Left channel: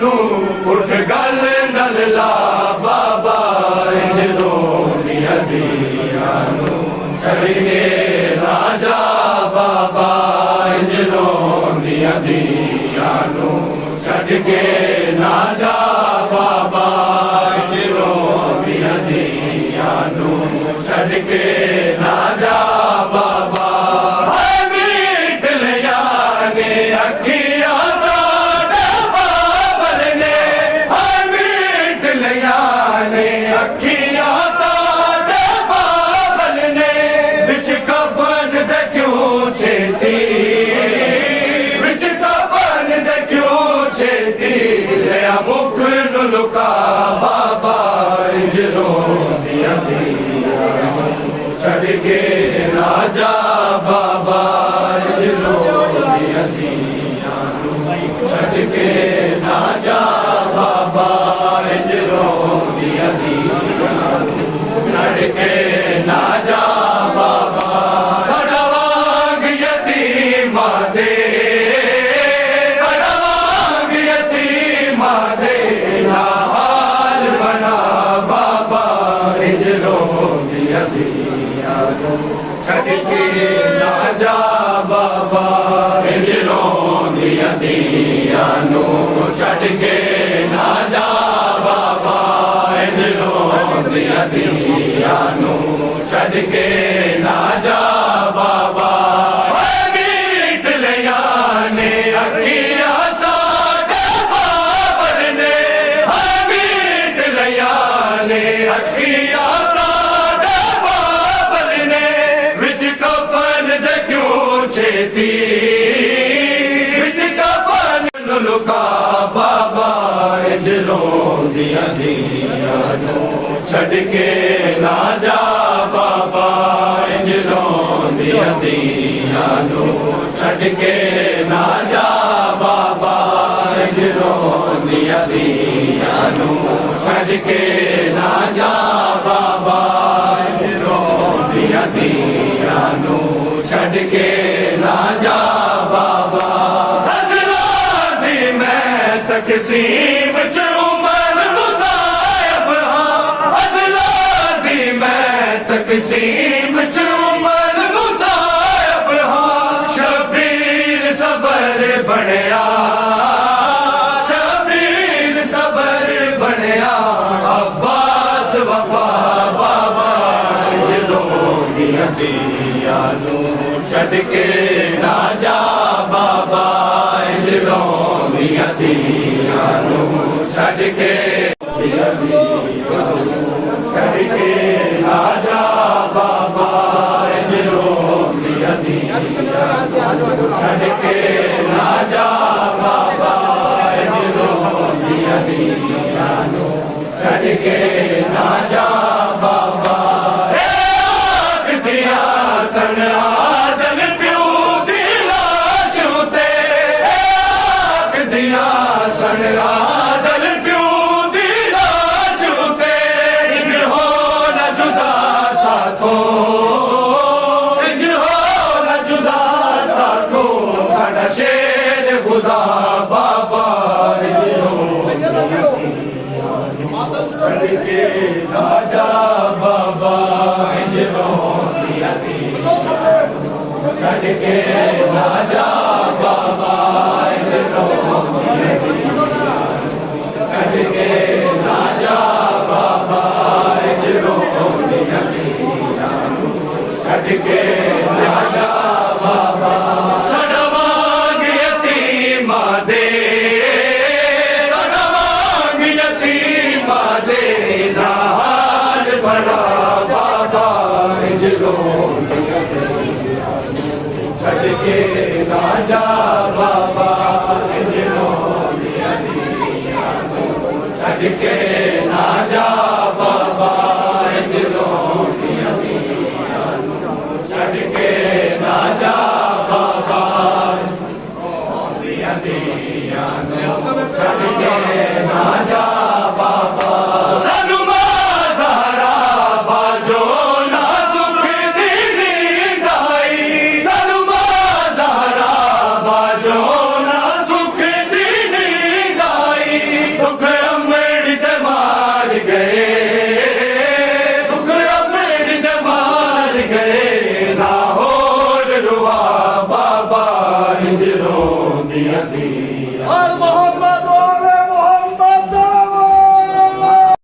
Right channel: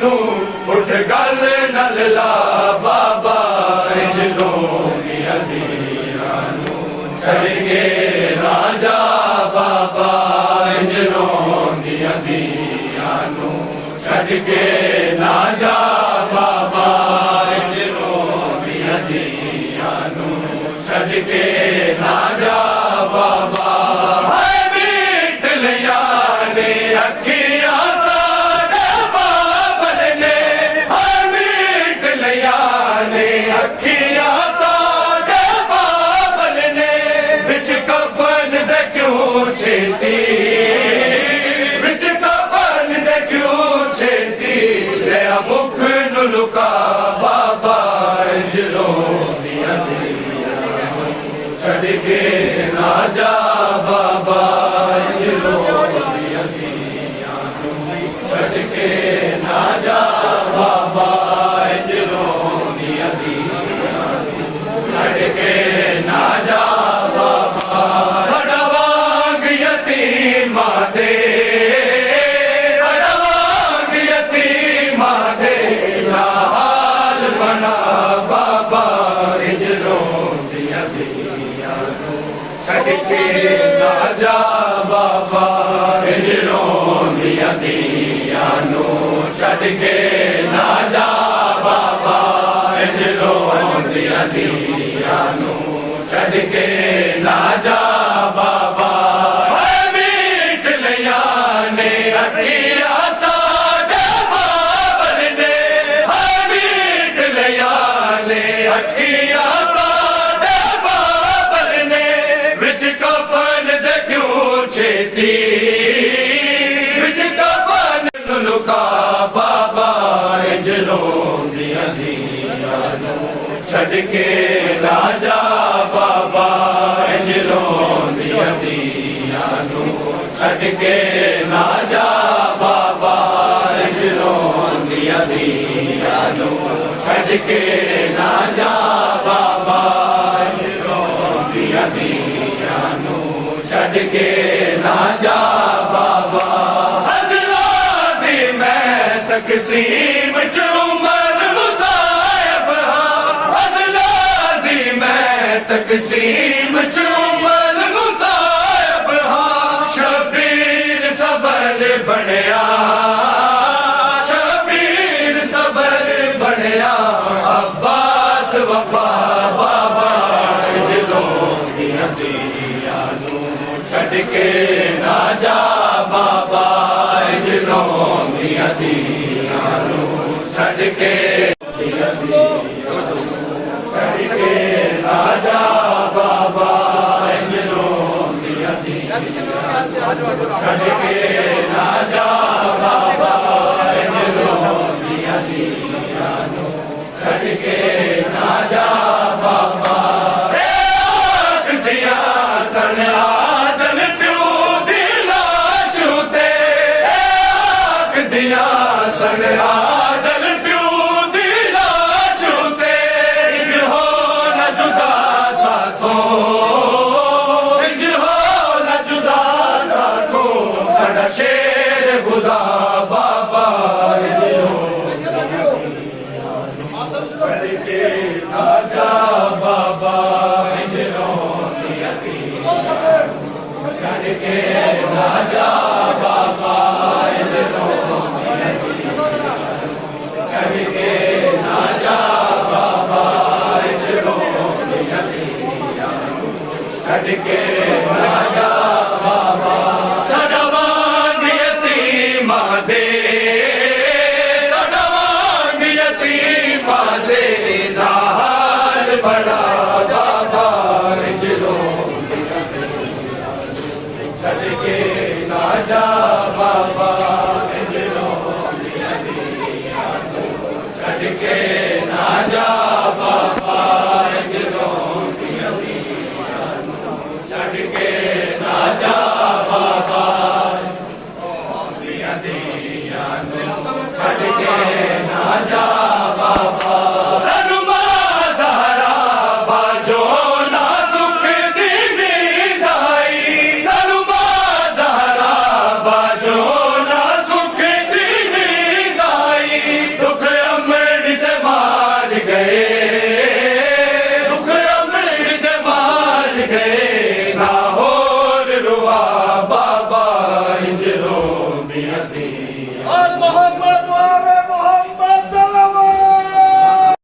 नू उठ गल नल ला बाबा रोंदियां दिया नू छड़ के ना जा बाबा रोंदियां दिया नू छड़ के ना जा बाबा रोंदियां दिया नू छड़ के ना जा बाबा मीट लिया ने अखियां साडे बाबल ने मीट लिया ने अखियां साडे बाबल ने बिच कफन दे क्यों छेती बिच कफन दे क्यों छेती लिया मुख नु लुका बाबा रोंदियां दिया छड़ के ना जा बाबा रोंदियां दिया छड़ के ना जा बाबा रोंदियां दिया छड़ के ना जा बाबा साडा वांग यतीमा दे साडा वांग यतीमा दे ना हाल बना बाबा रोंदियां दिया छड़ के ना जा बाबा रोंदियां दिया छड़ के ना जा बाबा रोंदियां दिया छड़ के ना जा बाबा मीट लिया ने अखियां साडे बाबर ने मीट लिया ने अखियां साडे बाबर ने विच कफन दे क्यों छेती विच कफन नु लुका बाबा रोंदियां दिया छड़ के ना जा बाबा रोंदियां दिया छड़ के ना जा बाबा रोंदियां दिया छड़ के ना जा बाबा रोंदियां दिया छड़ के ना जा बाबा हज़ला दी मैं तकसीम च उमर मुसायब हज़ला दी मैं तकसीम च उमर मुसायब शबीर सबर बनया शबीर सबर बनया अब्बास वफा बाबा रोंदियां दिया छड़ के ना जा बाबा रोंदियां दिया छड़ के छड़ के ना जा बाबा रोंदियां दिया छड़ के ना जा बाबा रोंदियां दिया छड़ के ना जा बाबा दिया सन आदल प्यू दी लाश उते दिया सन आदल प्यू दी लाश उते हो न जुदा साथो हो न जुदा साथो साडा शेर खुदा बाबा छड़ के ना जा बाबा छड़ के ना जा बाबा छड़ के ना जा बाबा छड़ के ना जा बाबा साडा वांग यतीमा दे साडा वांग यतीमा दे ना हाल बड़ा बाबा छड़ दी हर महादेव